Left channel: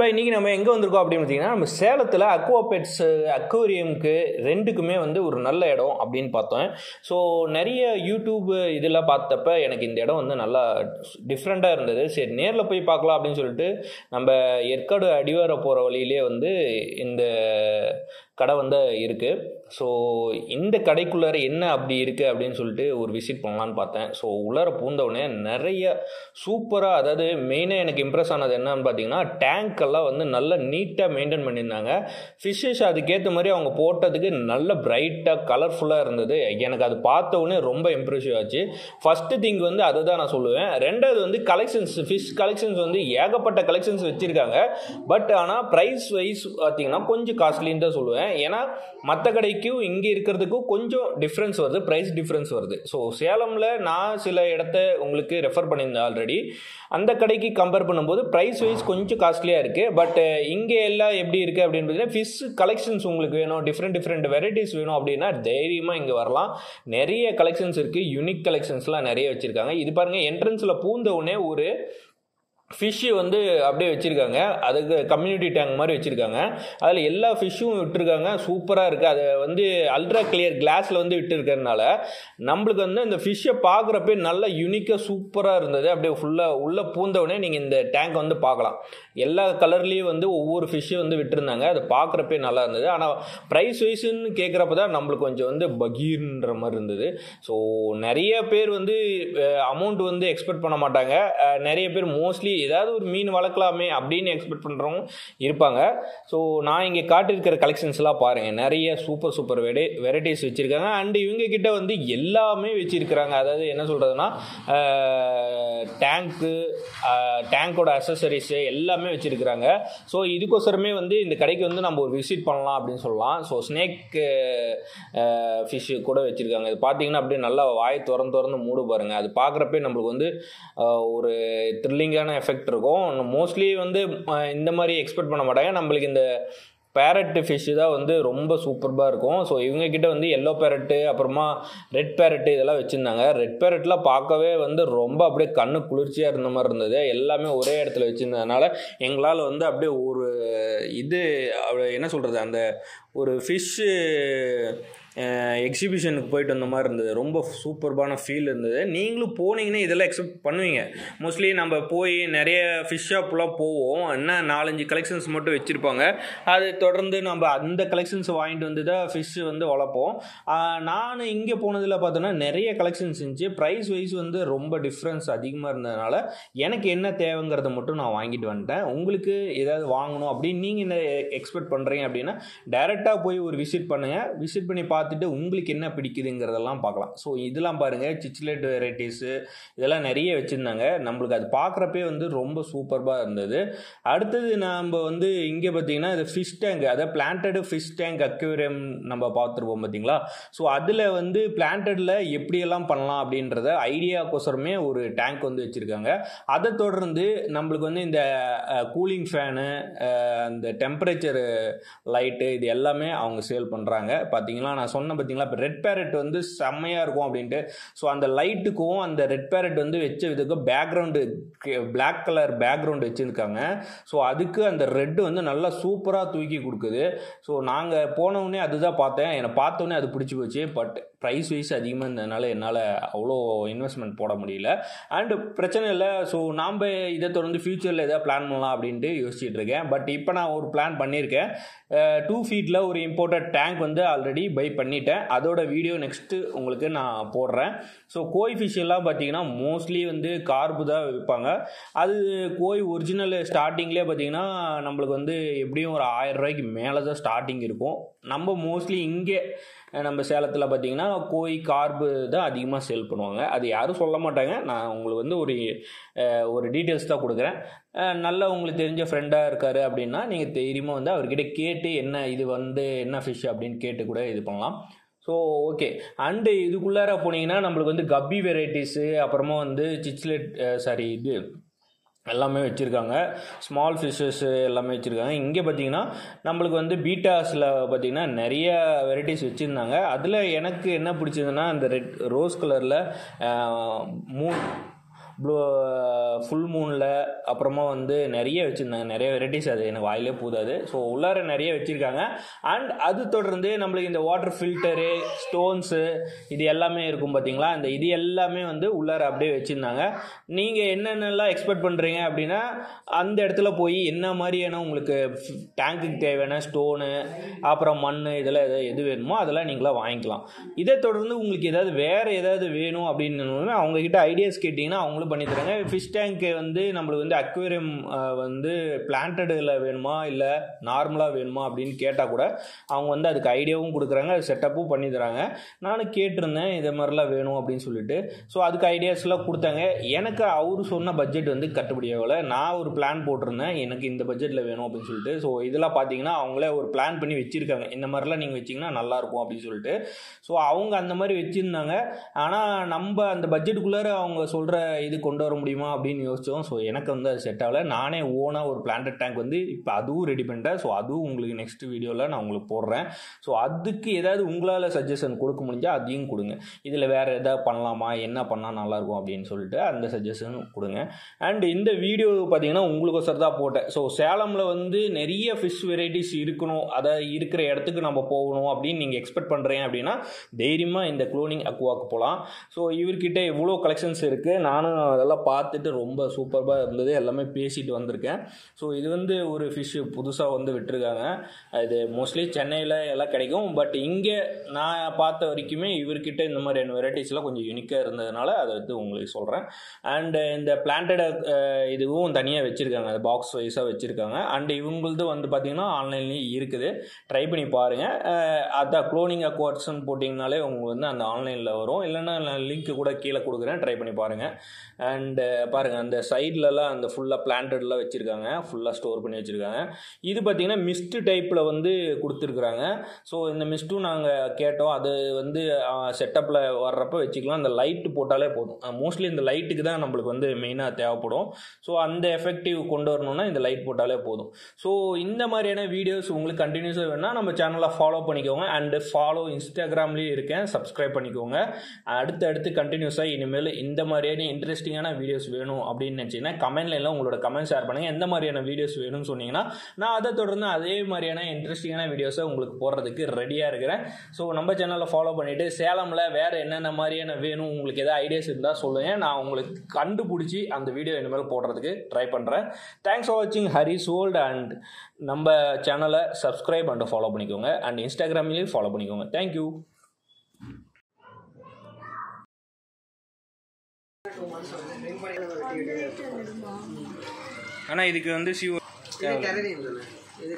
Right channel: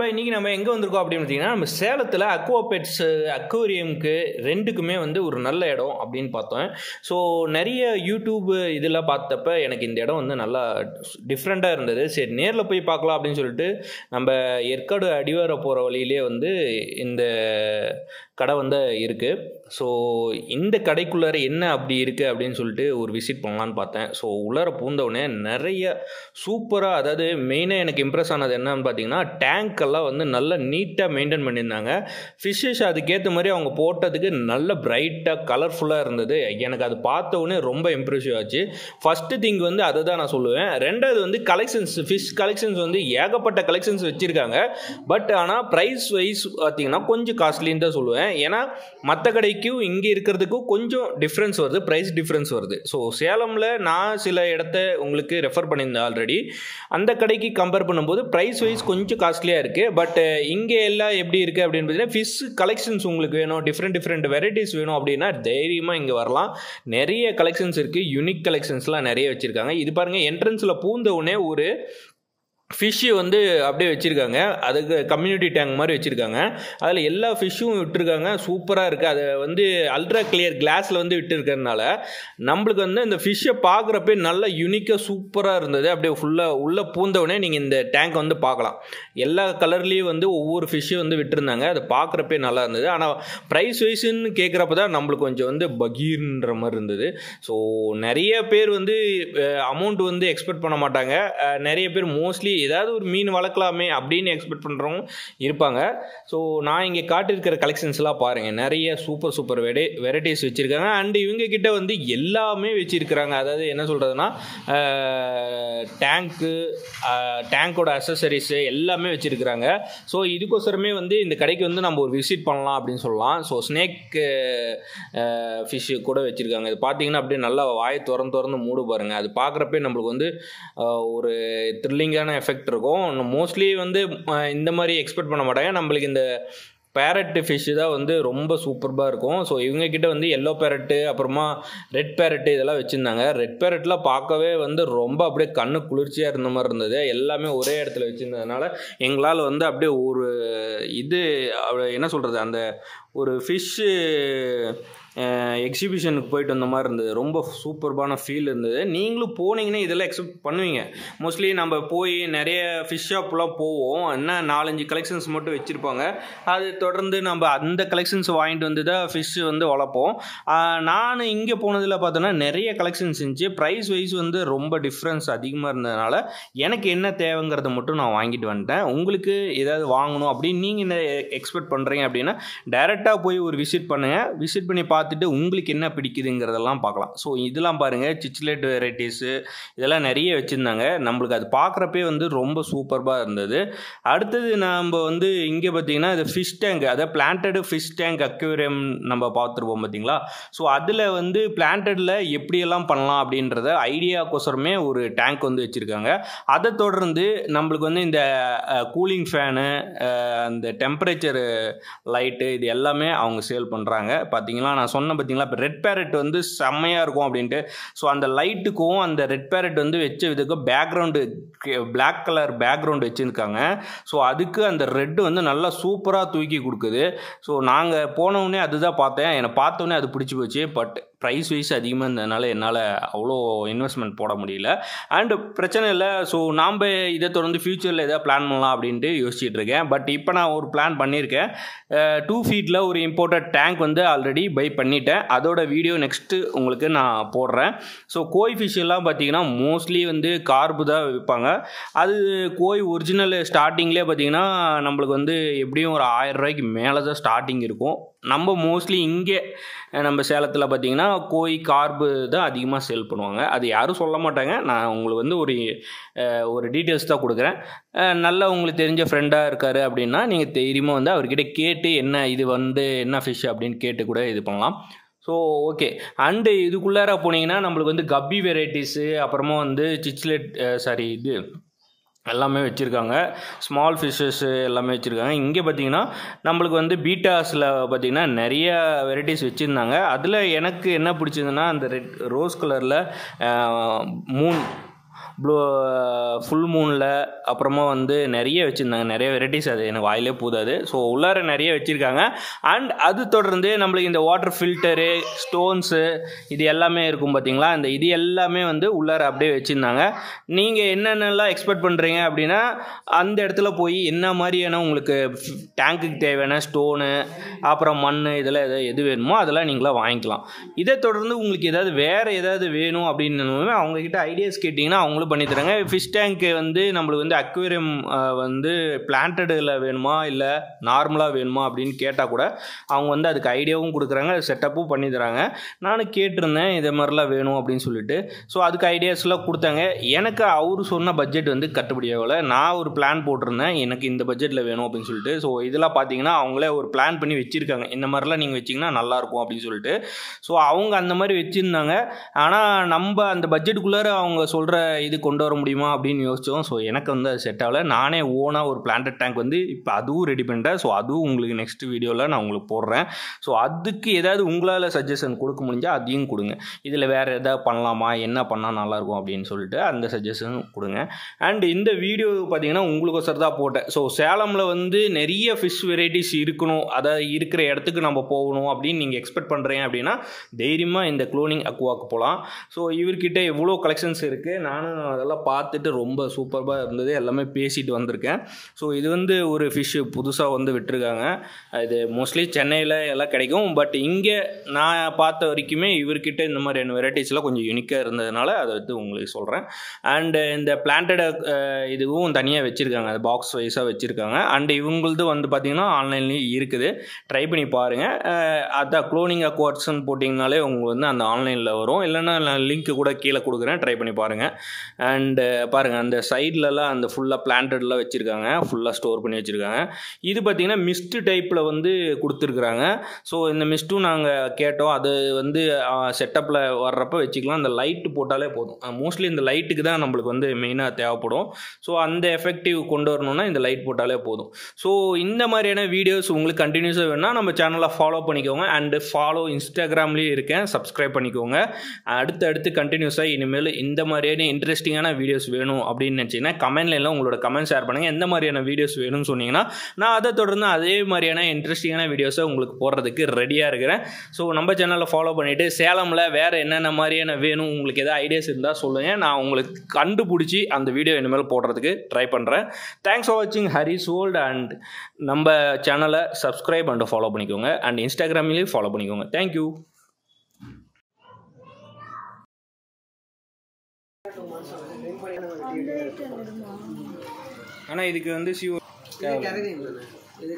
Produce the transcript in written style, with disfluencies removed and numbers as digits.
நண்பா, இன்றைக்கி நம்ம எங்கே வந்திருக்கோம் அப்படின்னு பார்த்தீங்கன்னா, நம்ம சேலத்தில் அக்வா பெட்ஸ் அக்வேரியமுக்கு ரெண்டுக்குமே வந்து ஒரு நல்ல இடம் அப்படின்னு பார்த்தோம். ஸோ நிறைய யூடியூப் இதெல்லாம் பார்த்தப்ப எனக்கு இந்த இடம் வந்து நல்லா டிஃப்ரெண்ட்டாக இருந்தது. சரி நேரில் போய் பார்க்கலாம் அப்படின்னு சொல்லிட்டு நம்ம ஏற்காடு அடிவார போகிற வழியிலே வந்து இந்த கடை வந்து இருக்குது. ஸோ இந்த கடைக்குள்ளார என்ன அப்படி இருக்குது அப்படின்னு சொல்லிட்டு ஒரு விசிட் பண்ணலான்னு பார்த்தேன். ஸோ உள்ளார பூந்தவுடனே நிறைய சூப்பராக, அதாவது மெயினாக எனக்கு இம்ப்ரெஸ் ஆனது என்னன்னு பார்த்தீங்கன்னா, டேங்க்கெல்லாம் வந்து நல்லா நீட்டாக மெயின்டைன் பண்ணியிருந்தாங்க. ஃபிஷ்ஷஸ் அதுக்கேற்ற மாதிரி அவங்க போட்டதுக்கு நல்ல பிரைட்டாக கலர்ஃபுல்லாக இருந்தது. எனக்கு அது பார்த்த உடனே ரொம்ப இம்ப்ரெசிவ் ஆச்சு. ஃபஸ்ட்டு திங் வந்து அதை தான் நான் சொல்லுவேன். ரெண்டாவது வந்து கலெக்ஷன்ஸ், ஃபிஷ் கலெக்ஷன்ஸ் வந்து ஏகப்பட்ட கலெக்ஷன்ஸ் வச்சுருக்காங்க. பட் ஆனால் ப்ரைஸ் வைஸ் பார்த்தீங்கன்னா கொஞ்சம் காஸ்ட்லின்னு தான் சொல்லுவேன். ஏன்னா மற்ற கடைக்கும் இங்கே இருக்கிறதுக்கும் கொஞ்சம் டிஃப்ரென்ஸ் வருது, ப்ரைஸ் டிஃப்ரென்ஸ் வருது. ஸோ சேலமில் நான் சில இடத்த உங்களுக்கு ரெஃபர் பண்ணியிருந்தேன் ஆல்ரெடி. அந்த கடைக்கு கம்பேர் பண்ணும்போது ப்ரைஸ் வைஸ் கொஞ்சம் காஸ்ட்லியாக இருக்குது. பட் இங்கே எல்லாம் எப்படி இருக்குது அப்படின்னு பார்த்தீங்கன்னா, ஃபிஷ் கலெக்ஷன்ஸ் உங்களுக்கு வேணும், டிஃப்ரெண்ட் வெரைட்டிஸ் வேணும் அப்படின்னா தைரியமாக இங்கே வரலாம். நிறைய கலெக்ஷன்ஸ் இருக்குது, யூனிக் கலெக்ஷன்ஸ்லாம் நிறைய வச்சுருக்காங்க. இது பாருங்கள், என்ட்ரன்ஸில் பூந்த உடனே ஒரு ஃபிஷ்ஷு வந்து அப்படியே வச்சுருக்காங்க. அதுக்கு கம்யூனிட்டி டேங்க் மாதிரி வச்சுருக்காங்க. அதில் எல்லா ஃபிஷ்ஷும் விட்டுருக்காங்க. சூப்பராக இருக்குது. அதை வந்து அல்ட்ரா கிளியர் கிளாஸில் வந்து விட்டுருக்கிறதுனால நம்மளுக்கு வந்து அந்த ஃபிஷ்ஷை பார்க்குறப்பே நல்லா யூனிக்காக சூப்பராக இருந்தது. அப்படியே ஃபுல்லாக உள்ளே பூந்தவுடனே நீங்கள் இந்த டேங்க் வந்து பார்க்கலாம். எல்லா கலர்லேயும் வந்து ஒவ்வொரு ஃபிஷ்ஷும் வந்து விட்டுருந்தாங்க. அதை பார்க்குறப்பே நல்லா இருந்தது. ஆனால் ப்ரைஸ் வைஸ்ன்னு கேட்குறப்ப தான் நம்மளுக்கு கொஞ்சம் வந்து பகீர்ன்ற மாதிரி இருந்தது. ஸோ நிறைய பேர் வந்து அமௌண்ட் வந்து எக்ஸ்பெக்ட் பண்ண மாட்டாங்க. நிறைய பேர் மோஸ்ட்லி ஏதாவது ஒரு மீன் வளர்க்கலாமே அப்படின்னு எக்ஸ்பெக்ட் பண்ணுறவங்க இருப்பாங்க. ஸோ நான் இங்கே காட்டியிருக்கிற கலெக்ஷன்ஸ்லாம் பாருங்கள், நிறைய சூப்பர் வெரைட்டிஸ் வச்சுருக்காங்க. அண்ட் இவங்க கிட்ட வந்து எல்லாமே வச்சுருக்கிறாங்க. அதாவது என்ன சொல்கிறதுனா, டேங்கோட அக்சசரிஸு எல்லாமே வச்சுருக்கிறாங்க. ஸோ இதுக்கோசரமே வந்து இந்த கடைக்கு வந்து நம்ம ஒரு விசிட் பண்ணலாம் அப்படின்னு சொல்லலாம். ஸோ ஸ்னேக் ஃபிஷ்ஷு கூட வச்சுருக்காங்க. இது பார்த்தீங்கன்னா அப்படியே நல்லா வாயை திறந்து மூடு பாருங்கள். அது பார்க்குறப்பே நம்மளுக்கு வந்து ஒரு த்ரில்லிங்கான எஃபெக்ட் இருக்கும். மோஸ்ட்லி வந்து இந்த மாதிரி எக்ஸ்பெக்ட் பண்ண மாட்டாங்க. நம்மளுக்கு இந்த பேரட் ஃபிஷ்ஷு தான் வந்து ரொம்ப சூப்பராக இருக்கும். ஸோ இவங்கக்கிட்ட வந்து எல்லோ பேரட்டு, அப்புறமா ரெட் பேரட்டு இதெல்லாம் வச்சுருந்தாங்க. ரெட் பேரட்லாம் பார்க்கவே வந்து ரொம்ப அப்படியே கண்ணு குளிர்ச்சியாக இருந்த மாதிரி இருந்தது. எல்லாமே ஒரே இடத்துல வச்சுருந்ததுனால எங்களால் வந்து அப்படியே ஒரு இது என்ன சொல்கிறது, அந்த ஒரு ஃபிஷ்ஷு எக்ஸிபிஷனுக்கு போயிட்டு வந்த மாதிரி இருந்தது. ரொம்ப சூப்பர்பான ஃபீல் இருந்தது. நீங்களும் போனீங்கன்னா இதெல்லாம் எக்ஸ்பெக்ட் பண்ணுவீங்க. மோஸ்ட்லி நம்ம போய் நிறைய ஃபிஷ் ஷாப்லாம் போவோம், என்ன 4-5 கலெக்ஷன்ஸ் மட்டும் வச்சுருப்பாங்க. அது தொடர்ந்து நம்ம அந்த கலெக்ஷன்ஸ் வாங்கிட்டு வந்து தான் ஃபிஷ்ஷு வந்து வளர்ப்போம். நான் இங்கே போனதில் பார்த்தோன்னா நிறைய கலெக்ஷன்ஸ் இருந்துச்சு. ப்ரைஸ் வைஸ் வந்து ரொம்ப டிஃப்ரென்ஸ் அதிகமாக இருந்ததுனால எனக்கு என்ன தேவைங்கிறத மட்டும் நான் வாங்கிட்டு வந்துட்டேன். உங்களுக்கு ஏதாவது வாங்கணும் அப்படின்னு நீங்கள் என்ன எக்ஸ்பெக்ட் பண்ணுறீங்க அப்படின்னா டைரெக்டாக போய் ஒரு விசிட் பண்ணுங்கள். விசிட் பண்ணி பார்த்துட்டு உங்களுக்கு என்ன பிடிக்குதுங்கிறதெல்லாம் பார்க்கலாம். ஸோ இதெல்லாம் பாருங்கள், சிச்லெட் வெரைட்டிஸு இதெல்லாம் நிறைய வச்சுருந்தாங்க. நம்மளுக்கு அது பார்க்குறப்பே வந்து ரொம்ப சூப்பராக இருந்தது. அடுத்தது நம்ம வந்து இங்கே பார்த்திங்கன்னா இது ஃபிஷ் டேங்க், அதாவது பிளான்டடு ஃபிஷ் டேங்க் அக்வேரியம் நம்ம பார்த்துருப்போம் பார்த்தீங்களா. ஸோ அதில் வந்து பிளான்டடில் எப்படியெல்லாம் பண்ணலாம் அப்படின்றத ஐடியாக்கோசரமே ஒரு டேங்க் வந்து வச்சுருக்காங்க. அதை தொடர்ந்து நம்மளுக்கு வந்து இந்த கூலிங் ஃபேனு, அந்த டெம்பரேச்சர் லைட்டு இது எல்லாமே அவங்க சேல் பண்ணுறாங்க. பார்த்தீங்களா, நான் சொன்ன பார்த்தீங்களா, இப்போ ரெட் பேரட் வந்து செம்மையாக இருக்கும் அப்படின்ட்டு. ஸோ அந்த லைட்டுக்கும் அந்த ரெட் பேரட் வந்து வச்ச இதுக்கு பேக்ரவுண்டு பிளாக் கலர் பேக்ரவுண்டு வச்சுருக்காங்க. ஸோ அதுக்கு அந்த ரெட்டு வந்து நல்லா சூப்பராக தூக்கி கொடுக்குது. ஸோ நாங்கள் போனவுடனே அதுதான் பார்த்தேன். என்னை பார்த்தோன்னே அது பிடிச்சி போச்சு. பட் ப்ரைஸ் வைஸ் அதிகமாக இருந்ததுனால என்னால் அவ்வளோ இன்வெஸ்ட்மெண்ட் போட முடியல. அண்டு பிரச்சனை இல்லை. ஸோ நாம் இதை தொடர்ந்து ஃப்யூச்சரில் எதாவது பிளான் பண்ணலாம் அப்படின்ட்டு யோசிச்சுட்டு இருக்கேன். பட் இப்போ நான் ஒரு பிளான் பண்ணியிருக்கேன். 2 ஃபீட்டில் ஒரு இம்போர்ட்டட் டேங்க் வந்து ஆல்ரெடி பை பண்ணிட்டேன். அதோட வீடியோ நெக்ஸ்ட்டு உங்களுக்கு நான் போடுறேன். ஸோ கோய் ஃபிஷ் எல்லாம் பார்த்தீங்கன்னா மோஸ்ட்லி வந்து கார்பு தான் விற்பாங்க. அது கோய் ஒரிஜினல் ஸ்டார்டிங்லேயே பார்த்தீங்கன்னா நம்மளுக்கு வந்து எப்படியும் ஒரு 1000 ரூபாய்க்கு மேலே தான் ஸ்டார்டிங் இருக்கும். நம்ம மோஸ்ட்லி இங்கே நம்ம சேலத்தில் பார்த்திங்கன்னா கோய் கார்பு தான் அதிகமாக சேல் பண்ணுவாங்க. அது யாரும் சொல்ல மாட்டாங்க. நான் உங்களுக்கு வந்து ஒரு டீட்டெயில்ஸ் தான் கொடுக்குறேன். நல்லா உங்களுக்கு தெரிஞ்ச ஃப்ரெண்டாக இருக்கார் அப்படின்னா நீங்கள் தைரியமாக வந்து அவர்கிட்ட கேட்டு என்ன இது வந்து என்ன ஃபிஷ் அப்படின்னு கேட்டு கூட இது பண்ணலாம். So okay. அண்டு இதுக்குள்ளார போனீங்கன்னா நம்மளுக்கு வந்து கப்பி வெரைட்டிஸு, அப்புறமா வந்து சிச்லெட் இது எல்லாமே வச்சுருக்காங்க. ஸ்மால் ஃபிஷ்ஷஸ் எல்லாமே வச்சுருக்காங்க. இங்கே பார்த்திங்கன்னா நம்மளுக்கு வந்து பீட்டாஸில் பார்த்திங்கன்னா நிறைய வெரைட்டிஸ் வச்சுருந்தாங்க. அதில் எனக்கு என்ன பிடிச்சதுன்னா அந்த ரோஸ் கலரில் ஃபுல் மூனில் அப்புறமா வந்து நிறைய வச்சுருந்தாங்க, நிறைய வெரைட்டிஸ். அது எனக்கு வாயிலே போதாது. ஸோ உள்ளார நிறைய வச்சுருக்காங்க. அண்ட் அது தொடர்ந்து நம்மளுக்கு இந்த வாட்டர் ஃபில்டரு, ஸ்டோன்ஸு, இது எல்லாமே இருக்கும் பார்த்தீங்களா, இந்த இது எல்லாமே வந்து உள்ளார அப்படியே வச்சுருந்தாங்க. நீங்கள் என்னென்னலாம் எக்ஸ்பெக்ட் பண்ணுறீங்க அப்படின்னா அந்த இடத்துல போய் என்ன மாதிரியான உங்களுக்கு டேங்க்குக்கு தேவையான ஸ்டோனு, அப்புறம் மண், இதெல்லாம் எது வேணுமோ அதெல்லாம் நீங்களாம் வாங்கிக்கலாம். இதை தொடர்ந்து உங்களுக்கு ஏதாவது வேறு ஏதாவது வேணும் அப்படின்னு அவங்கக்கிட்ட ஐடியாஸ் கேட்டிங்கன்னா அவங்களும் பண்ணி தராங்க. ஃபிஷ் டேங்க்கு வந்து நம்மளுக்கு வந்து அக்வேரியம் வந்து பிளான்டடில் வேணுமா இல்லை நார்மலாக வேணுமா அப்படின்னு கேட்டால் கூட அவங்க வந்து அதுக்கு ஐடியாவும் கொடுக்குறாங்க, செட்டப்பும் பண்ணி தராங்க. நானும் கேட்டிருந்தேன் இதே மாதிரிலாம் வேணும் அப்படின்னு சொல்லிட்டு. ஸோ அதுக்கு ஐடியாஸ்லாம் கொடுத்தாங்க. எனக்கு அவர் சொன்ன பட்ஜெட் வந்து கட்டுப்படியாகல. நான் ஒரு பிளான் போட்டிருந்தேன் எனக்கு இந்த பட்ஜெட்டில் வேணும் அப்படின்னு சொல்லிட்டு. ஸோ இதெல்லாம் பார்த்தீங்கன்னா அவங்களே ஒரு பிளான் பண்ணி வச்சுருக்காங்க, இந்த மாதிரிலாம் நீங்கள் வச்சிங்கன்னா நல்லாயிருக்கும் அப்படின்னு சொல்லிட்டு. ஸோ அவங்க அந்த மாதிரி வச்சுருந்தாங்க. ஆனால் நம்ம அந்த பட்ஜெட்டுக்குள்ளார அவங்க சொல்கிற இது கொண்டு வர முடியுமா அப்படின்னு யோசித்தோம். ஸோ எனக்கு வந்து அது செட் ஆகலை. நானே ஓனாக ஒரு பிளான்டட் டேங்க் வந்து இப்போ அதுவும் ரெடி பண்ணிட்டேன். ஸோ அதுவும் உங்களுக்கு நெக்ஸ்ட் வீடியோவில் நான் உங்களுக்கு போடுறேன். ஸோ அதுக்கு ஏதாவது உங்களால் சஜஷன் கொடுக்க முடிஞ்சால் அதையும் கொடுங்க. இதில் வேறு எதாவது பண்ணலாமா, என்ன பண்ணால் நல்லாயிருக்கும் அப்படின்னு சொல்லிட்டு அந்த சஜஷன் கொடுங்க. அண்ட் இந்த வீடியோ பார்த்தீங்கன்னா உங்களுக்கு தான் போட்டேன். ஸோ சேலமில் வந்து நிறைய ஃபிஷ் வெரைட்டிஸ் இருக்கணும், அதாவது இருக்கிற இடத்துக்கு நம்ம போகணும் அப்படின்னு நீங்கள் எக்ஸ்பெக்ட் பண்ணுறீங்க அப்படின்னா தைரியமாக இந்த க்ளோனிங் அக்வாக்கு போகலாம். ஸோ இவர்கிட்ட எவ்வளோ கலெக்ஷன்ஸ் இருக்குது, நானும் அதெல்லாம் பார்த்துட்டு ரொம்ப சூப்பராக இருந்தது, எல்லாமே பேசிட்டு வந்திருக்கேன். ஸோ இது வந்து ஒரு ஃபிஷ்ஷு புதுசாக வந்து விட்டுருக்காங்க. இது மோஸ்ட்லி சென்னையில் எல்லாம் கிடைக்கும். பட் இங்கே நான் பார்த்த வரைக்குமே இவர்கிட்ட இந்த மாதிரியான வெரைட்டிஸ்லாம் கொஞ்சம் யூனிக்காக இருந்ததுனால அதை வந்து உங்களுக்கு சொல்கிறேன். அண்டு இந்த பிளான்டட் இதுவும் தனியாக வச்சுருக்காங்க, அது பாக்ஸ் வைஸாக வச்சுருக்காங்க. அண்டு இவங்களது வந்து பார்த்திங்கன்னா ஆன்லைன்லேயும் இருக்குது, ட்ரை பண்ணி பாருங்கள். அதான் க்ளோனிங் அக்வார்ட்ஸ்ன்னு போட்டிங்கனாலே உங்களுக்கு வந்து அந்த ஆன்லைனில் வரும். இல்லைன்னா நான் லிங்க்கு கூட கீழே கொடுக்குறேன், ட்ரை பண்ணி பாருங்கள். அண்டு பாருங்கள் அந்த சைட்லலாம் அந்த ஃபுல்லாக பிளான்டட்லாம் வச்சுருக்காங்க, ஃபுல்லாக ஸ்டோர் பண்ணி வச்சுருக்காங்க. இது பார்த்திங்கன்னா மிஸ்ட் டைப்பில் வந்து கொடுத்துருக்குறாங்க. ஸோ இந்த மிஸ்ட்டும் நாங்கள் கேட்டோம், அது வந்து செட்டப்பில் வர்றப்போ வச்சுக்கலாம். இந்த லைட்டு போட்டாலே போதும். மோஸ்ட்லி இந்த லைட்டுக்கு தான் நம்மளுக்கு வந்து மெயினாக தேவைப்படும். ஸோ அந்த எஃபெக்டிவ் கொண்டு வரணுன்னா இந்த லைட் போட்டாலே போதும். ஸோ இந்த மாதிரியான வீடியோஸ் உங்களுக்கு கண்டினியூஸாக வேணும்னா நம்ம சேனலை ஃபாலோ பண்ணிக்கோங்க. அண்டு ஃபாலோ இன்ஸ்டாகிராம்லேயும் இருக்கேன், சப்ஸ்கிரைப் பண்ணிக்கோங்க. அடுத்து கண்டினியூஸாக இனிமேல் இந்த மாதிரியான இன்ட்ரெஸ்டிங்கான வீடியோஸ் வேணும் அப்படின்னு நினச்சிங்கன்னா கமெண்ட்ல எல்லாம் உங்களோட கமெண்ட் ஷேர் பண்ணுங்கள். எந்த மாதிரியான வீடியோஸ் வேணும்னு சொன்னீங்கன்னா நான் அதை தொடர்ந்து அதே மாதிரியான இன்ட்ரெஸ்டிங்கான வீடியோஸை உங்களுக்கு போடுறதுக்கு ரெடியாக இருக்கிறேன். ஸோ நம்ம சேனலில் ஃபாலோ பண்ணிவிட்டு சேலமில் வேறு என்னென்ன மாதிரியான வேணும் உங்களுக்கு எதாவது ஐடியாஸ் இருந்தால் சொல்லுங்கள், நான் உங்களுக்கு கண்டுபிடிச்சி அந்த வீடியோ இனிமேல் போடுறதுக்கு ட்ரை பண்ணுறேன். தேங்க்ஸ் ஃபார் வாட்சிங் ஹரிஸ் வேர்ல்ட். அண்ட் நம்ம சேனலை சப்ஸ்கிரைப் அண்ட் ஃபாலோ பண்ணிக்கோங்க. அண்ட் இன்ஸ்டாகிராம்லேயும் ஃபாலோ பண்ணிக்கோங்க. தேங்க்யூ. ஆனால் இதுக்கு வந்து